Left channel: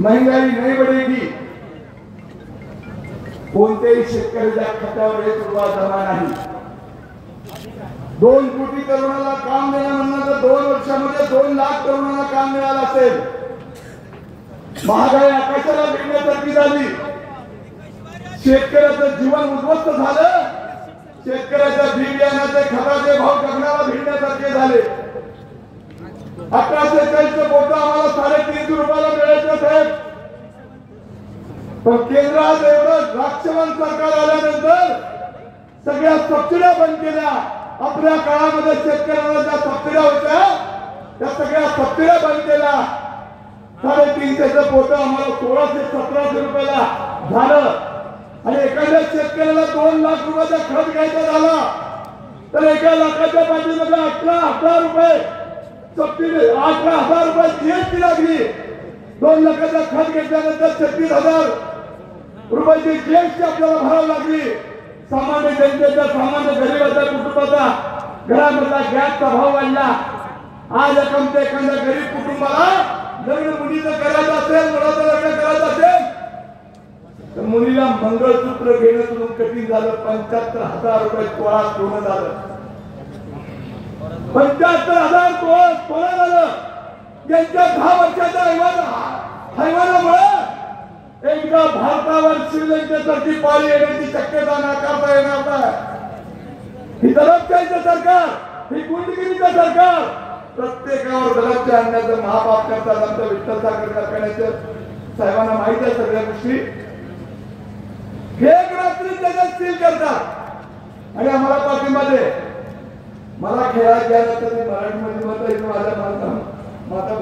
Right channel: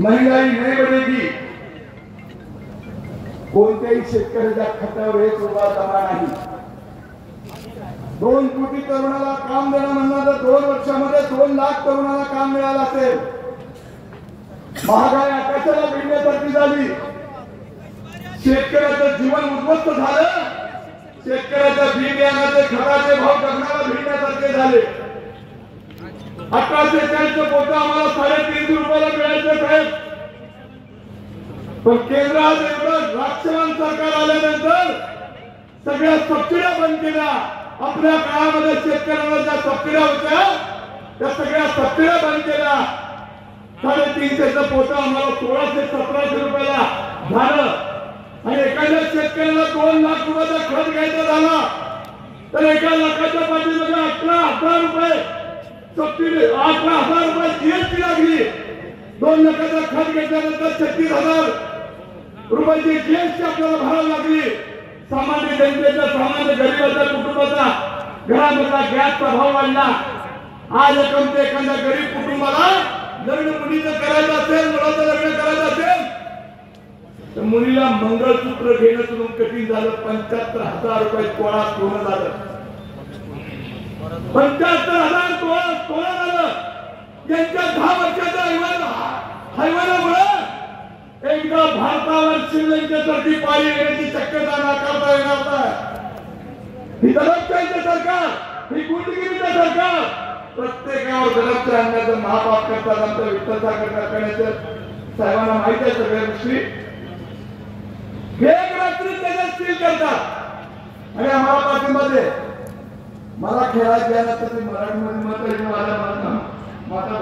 महंगाई नहीं बढ़ेगी, कोणत्याही शेतकऱ्याच्या खात्यावर 1 रुपया जमा नाही। 2 कोटी तरुणाला काम देणं म्हणलं तर 2 वर्षामध्ये 2 लाख तरुणांना काम मिळालं असेल। महागाई आकाशाला भिडण्यासारखी झाली, शेतकऱ्याचं जीवन उद्ध्वस्त झालं, शेतकऱ्याच्या बी बियाण्याचे खताचे भाव गगनाला भिडण्यासारखे झाले। 1840 पोतं आम्हाला 350 रुपयाला मिळायचं साहेब, पण केंद्रात एवढं राक्षसन सरकार आल्यानंतर सगळ्या सबसिड्या बंद केल्या। आपल्या काळामध्ये शेतकऱ्यांना ज्या सबसिड्या होत्या त्या सगळ्या सबसिड्या बंद केल्या। 350चं पोतं आम्हाला 1600-1700 रुपयाला झालं, आणि एखाद्या शेतकऱ्याला 2 लाख रुपयाचा खत घ्यायचा झाला तर 1 लाखाच्या पाठीमध्ये 18,000 रुपये सबसिडी, 18,000 रुपये जीएसटी लागली। 2 लाखाचा खत घेतल्यानंतर 36,000 रुपयाची जीएसटी आपल्याला भरावी लागली। सामान्य जनतेचा, सामान्य गरीबाच्या कुटुंबाचा घरामधला गॅसचा भाव वाढला। आज एखाद्या गरीब कुटुंबाला लग्न मुलीचं करायचं असेल, मुलाचं लग्न करायचं असेल तर मुलीला मंगळसूत्र घेणं तुला कठीण झालं। 75,000 रुपये तोळा पूर्ण झालं, 75,000 तोळा झालं। यांच्या 10 वर्षाच्या हैवानामुळे एकदा भारतावर श्रीलंकेसारखी पाळी येण्याची शक्यता नाकारता येणार नाही। ही दडपशाहीचं सरकार, ही गुंडगिरीचं सरकार प्रत्येकावर दडपशाही आणण्याचं महापाप करतात। आमच्या विठ्ठल साखर कारखान्याच्या साहेबांना माहिती आहे सगळ्या गोष्टी। एक रात्री त्याच्यात सील करतात आणि आम्हाला पाठिंबा दे। मला खेळायला गेला तर मी मराठीमध्ये मत माझ्या